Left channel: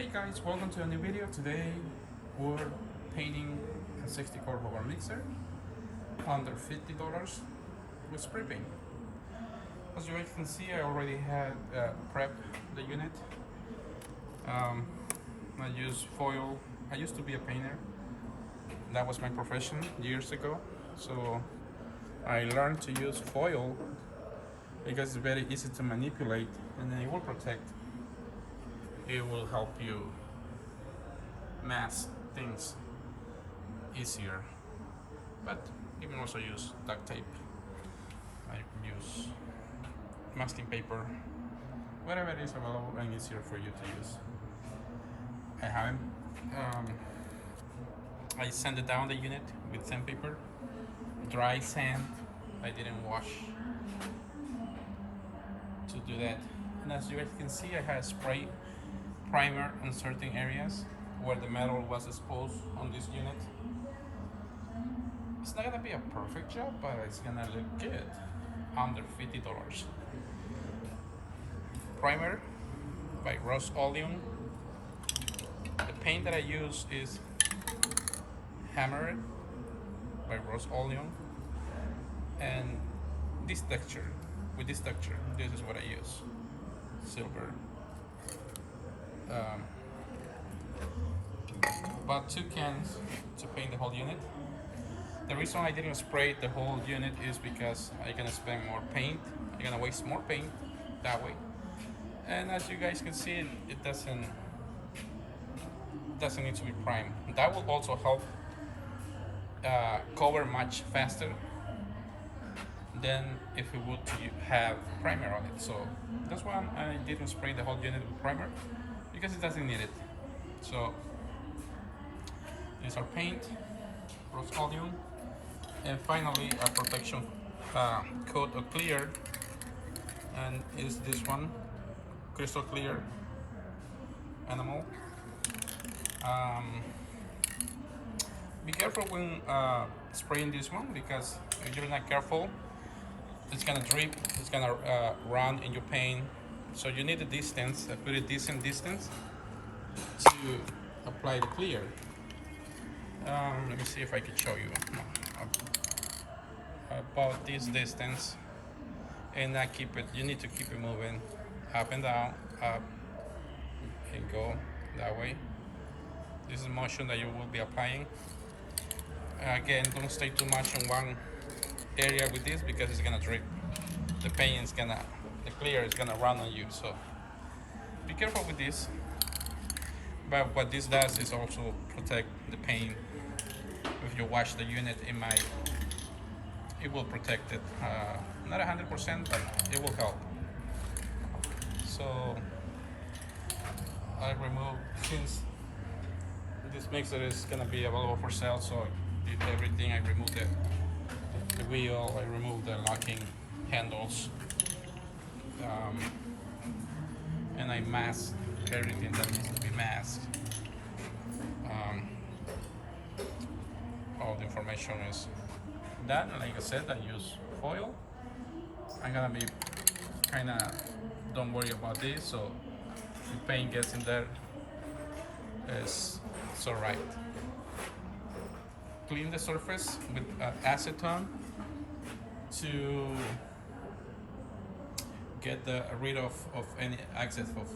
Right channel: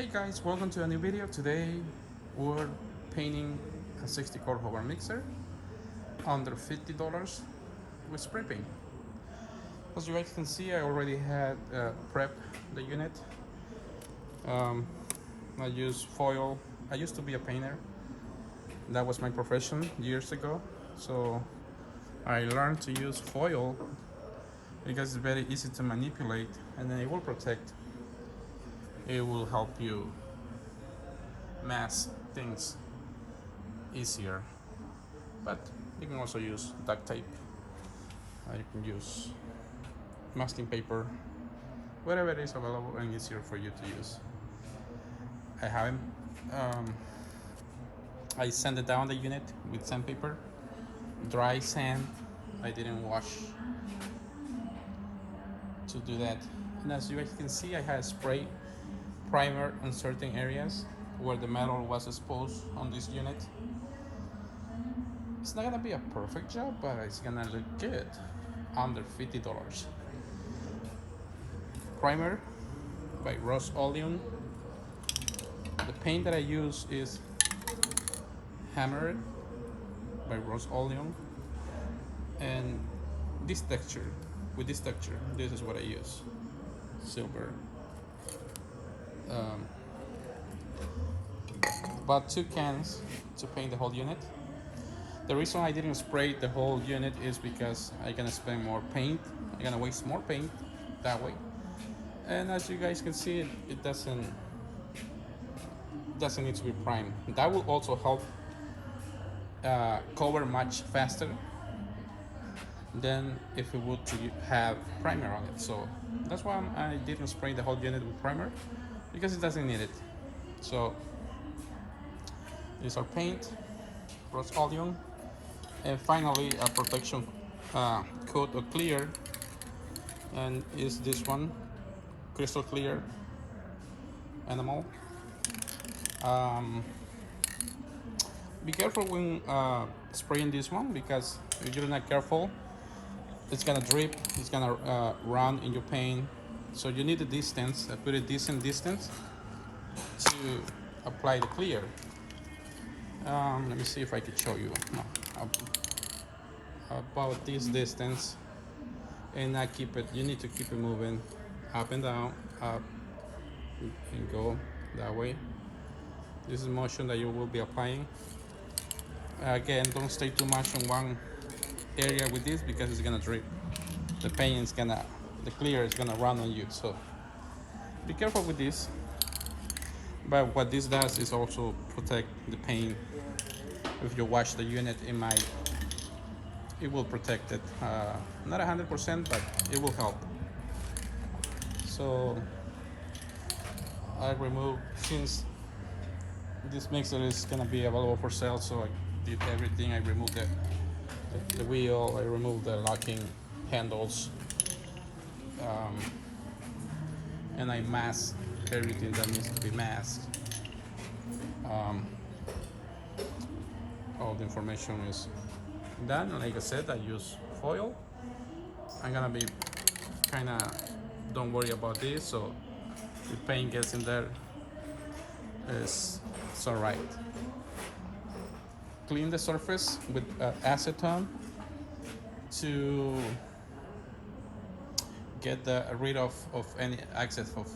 Hey guys, welcome to a new video. Today we're painting a 60 color Hobart Mixer under $50 with spray paint. As you guys can see, I already had prepped the unit. I use foil. I used to be a painter. That was my profession years ago. So I learned to use foil because it's very easy to manipulate and it will protect. It will help you mask things easier, but you can also use duct tape. You can use masking paper, whatever is available and easier for you to use. I haven't I sanded down the unit with sandpaper, dry sand. I didn't wash to do that, and as you guys can see, I had spray primer in certain areas where the metal was exposed on this unit. It's not gonna be a perfect job, but it's gonna look good under $50. Primer by Rose Oleum. The paint that I use is Hammer by Rose Oleum, and this texture, this is what I use: silver. Bought 2 cans to paint the whole unit. The reason I didn't spray the whole unit is because I'm gonna spend more paint. I'm gonna waste more paint that way. And as you guys can see, it doesn't need to be primed. That will also help cover much faster than if we would have primer on it. So that's why I didn't spray the whole unit with primer, because it doesn't need it. So these are paint, Rose Oleum, and finally a protection coat of clear, and is this one, crystal clear animal. Be careful when spraying this one, because if you're not careful, it's gonna drip, it's gonna run in your paint. So you need a distance, a pretty decent distance to apply the clear. Let me see if I can show you about this distance, and I keep it. You need to keep it moving up and down, up and go that way. This is motion that you will be applying. Again, don't stay too much in one area with this, because it's gonna drip. The paint is gonna, the clear is gonna run on you. So be careful with this. But what this does is also protect the paint. If you wash the unit, it will protect it. Not 100%, but it will help. So I removed, since this mixer is gonna be available for sale, so I did everything. I removed the wheel, I removed the locking handles, and I masked everything that needs to be masked. All the information is done. Like I said, I use foil. I'm gonna be kinda, don't worry about this, so the paint gets in there, it's alright. Clean the surface with acetone to get rid of any excess of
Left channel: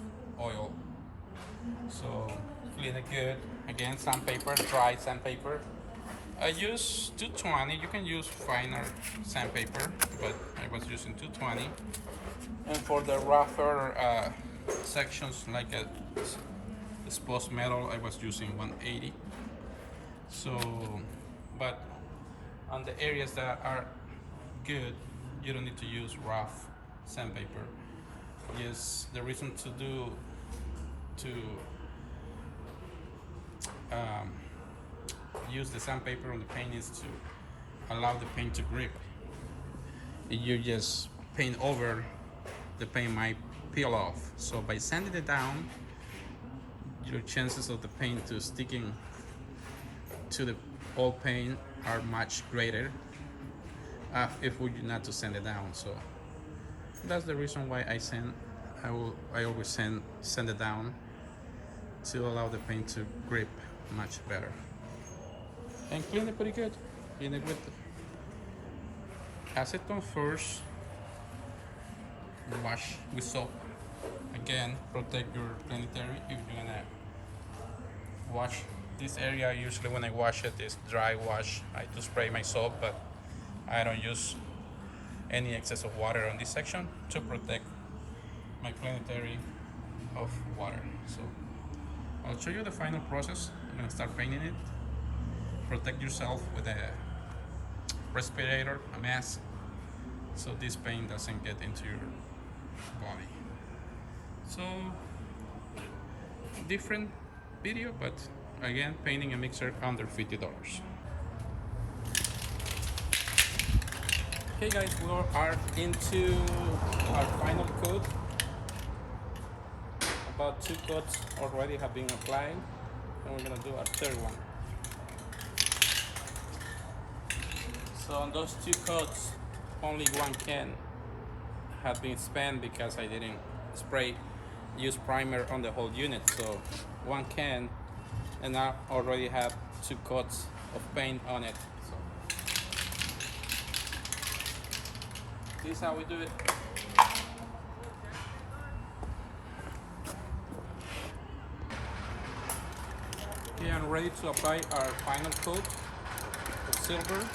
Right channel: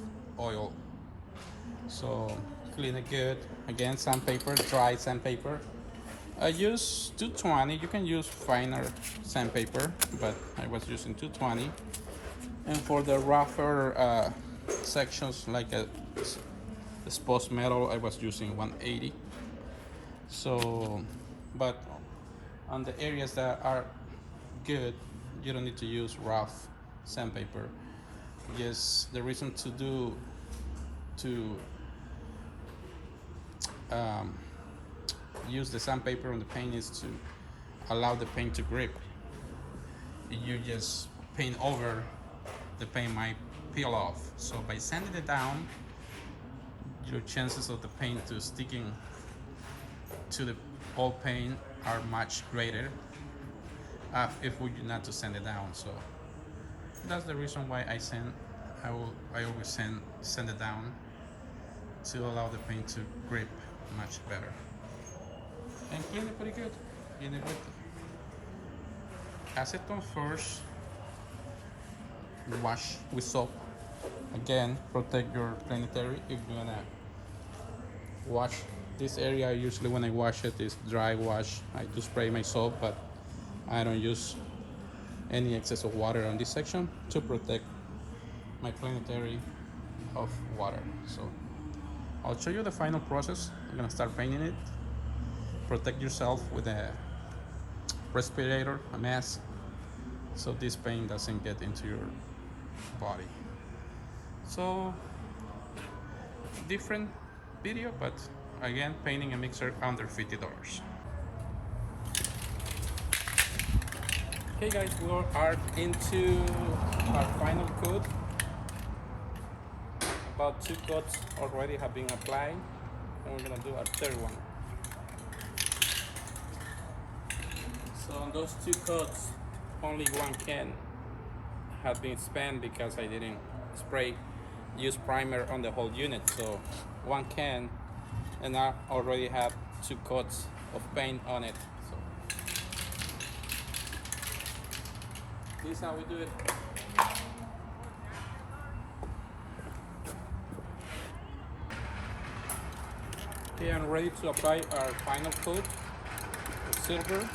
oil. So clean it good. Again, sandpaper, dry sandpaper. I use 220. You can use finer sandpaper, but I was using 220. And for the rougher sections, like exposed metal, I was using 180. So, but on the areas that are good, you don't need to use rough sandpaper. Yes, the reason to use the sandpaper on the paint is to allow the paint to grip. If you just paint over, the paint might peel off. So by sanding it down, your chances of the paint to sticking to the old paint are much greater if we do not to sand it down. So that's the reason why I always sand it down. to allow the paint to grip much better. And clean it pretty good. Clean it with acetone first. Wash with soap. Again, protect your planetary if you're gonna wash this area. Usually when I wash it, it's dry wash. I do spray my soap, but I don't use any excess of water on this section to protect my planetary of water. So I'll show you the final process. I'm gonna start painting it. Protect yourself with a respirator, a mask, so this paint doesn't get into your body. So different video, but again, painting a mixer under $50. Okay guys, we are into our final coat. About 2 coats already have been applied, and we're gonna do our third one. So on those 2 coats, only 1 can had been spent because I didn't use primer on the whole unit. So 1 can, and I already have 2 coats of paint on it. So this is how we do it. Okay, I'm ready to apply our final coat of silver.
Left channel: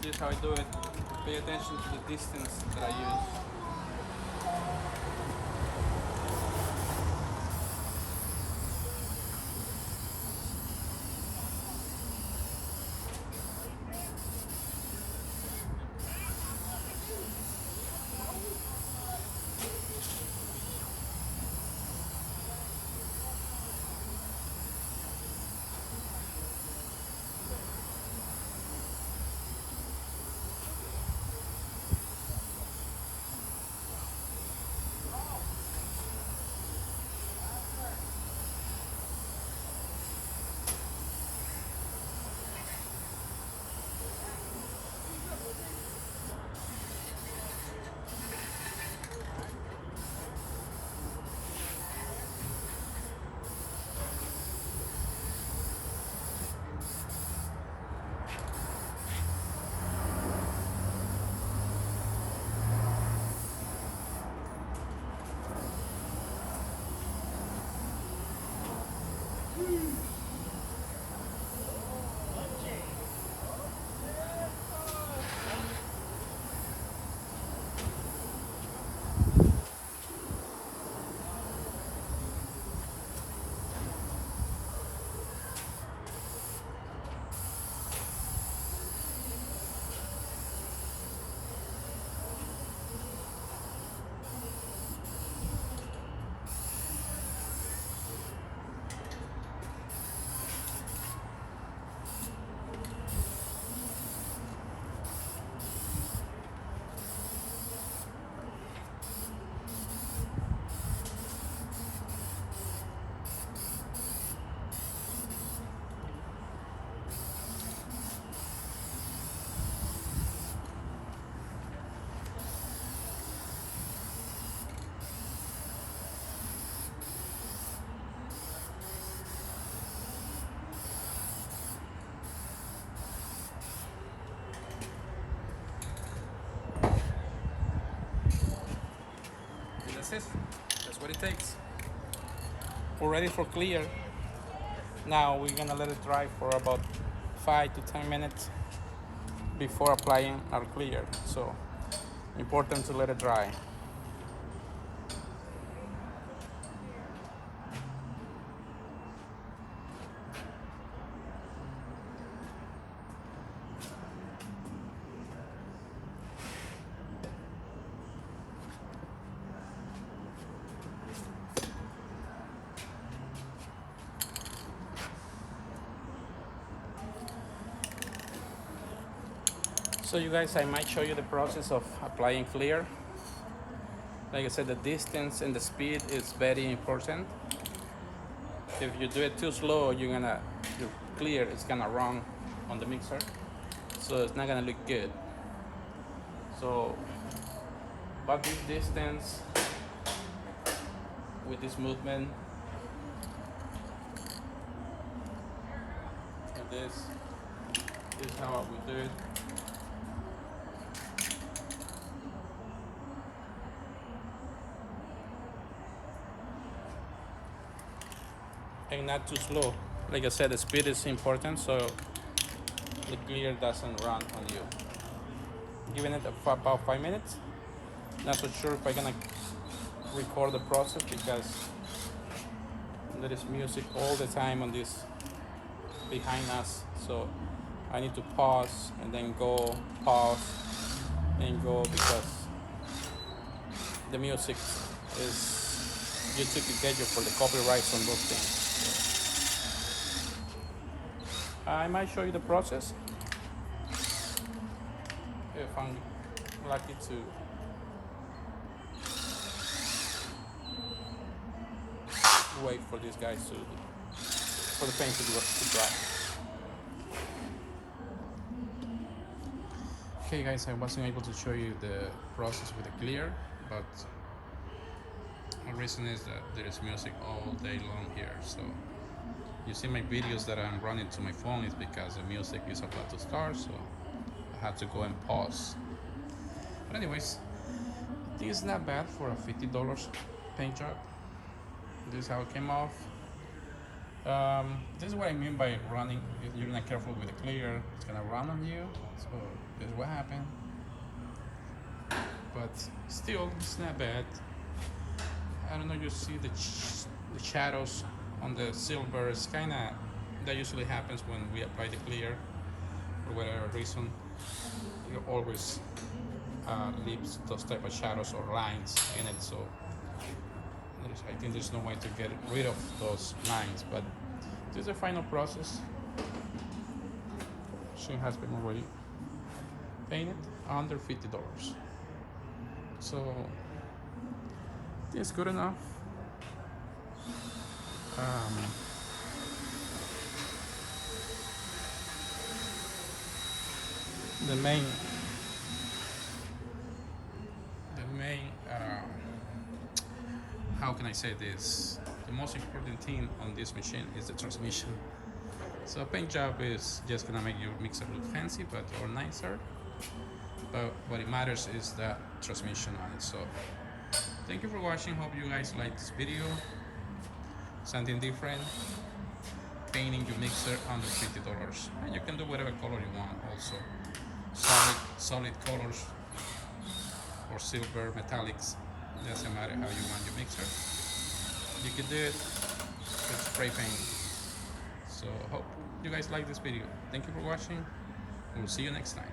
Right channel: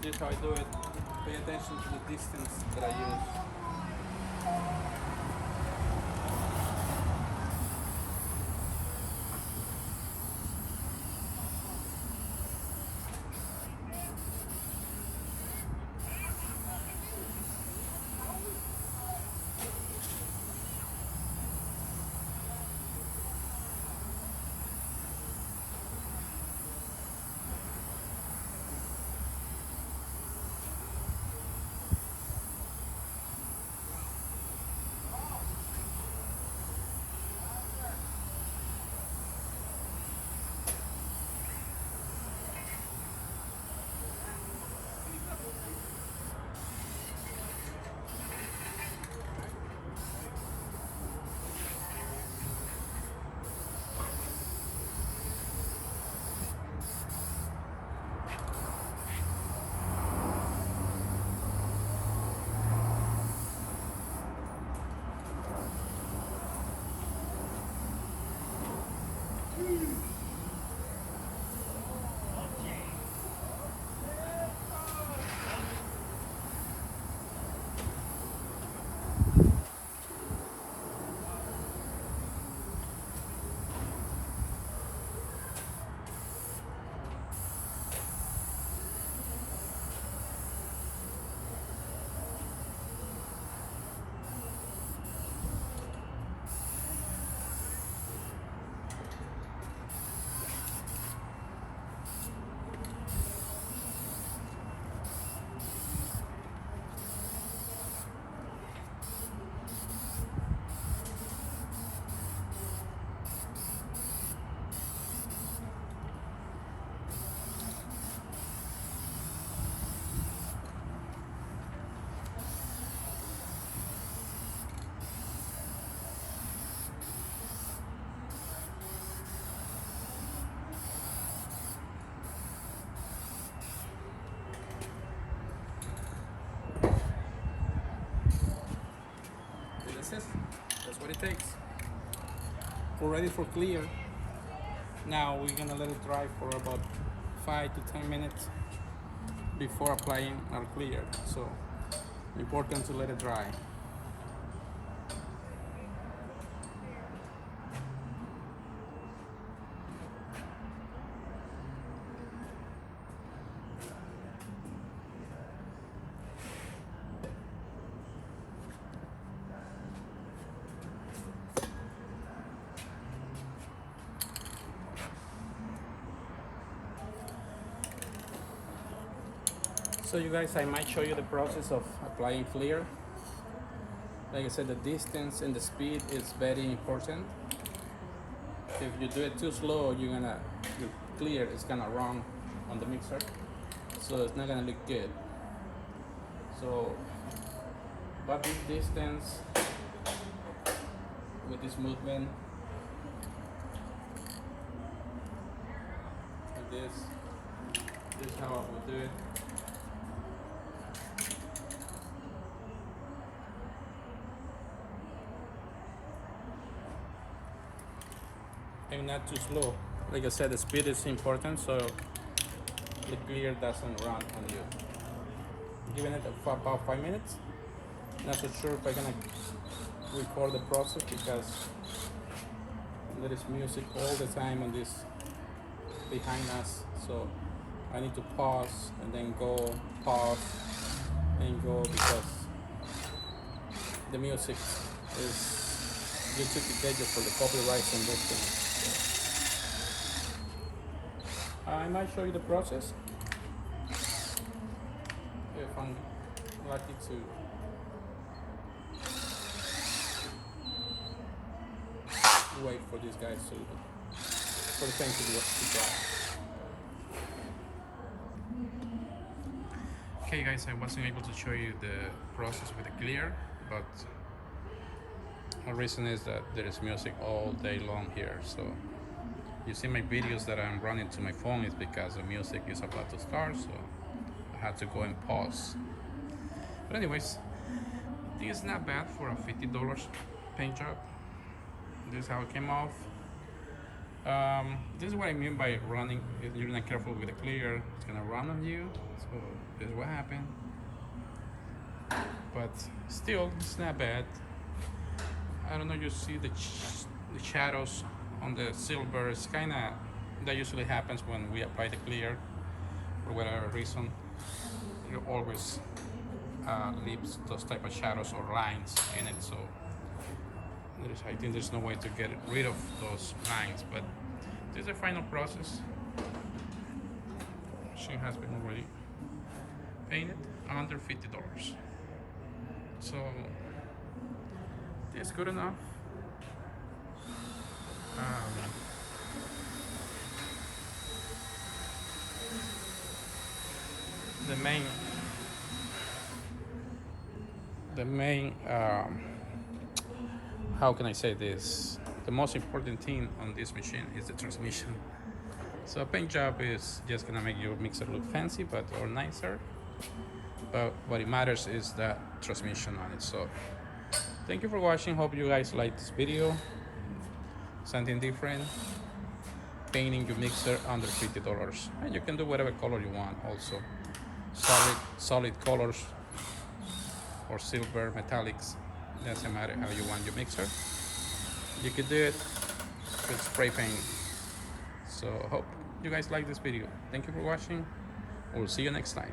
This is how I do it. Pay attention to the distance that I use. That's it. That's what it takes. We're ready for clear. Now we're gonna let it dry for about 5 to 10 minutes before applying our clear. So important to let it dry. So you guys, I might show you the process of applying clear. Like I said, the distance and the speed is very important. If you do it too slow, your clear is gonna run on the mixer, so it's not gonna look good. So about this distance with this movement. Like this. This is how I would do it. And not too slow. Like I said, the speed is important, so the clear doesn't run on you. Giving it about 5 minutes. Not so sure if I'm gonna record the process because there is music all the time on this behind us, so I need to pause and then go, pause and go, because the music is you took to get you for the copyrights on those things. So I might show you the process if I'm lucky to. Wait for these guys for the paint to dry. Okay guys, I wasn't able to show you the process with the clear, but the reason is that there is music all day long here. So you see my videos that I'm running to my phone is because the music is about to start, so I had to go and pause. But anyways, this is not bad for a $50 paint job. This is how it came off. This is what I mean by running. If you're not careful with the clear, it's gonna run on you. So this is what happened. But still, it's not bad. I don't know. You see the shadows on the silver. It's kind of that usually happens when we apply the clear for whatever reason. You always leaves those type of shadows or lines in it. So I think there's no way to get rid of those lines, but this is the final process. She has been already painted under $50. So it's good enough. The main how can I say this? The most important thing on this machine is the transmission. So a paint job is just gonna make your mixer look fancy, or nicer. But what it matters is that transmission on it. So thank you for watching. Hope you guys liked this video. Something different. Painting your mixer under $50, and you can do whatever color you want. Also, solid colors or silver metallics. Doesn't matter how you want your mixer. You can do it with spray paint. So hope you guys like this video. Thank you for watching. We'll see you next time.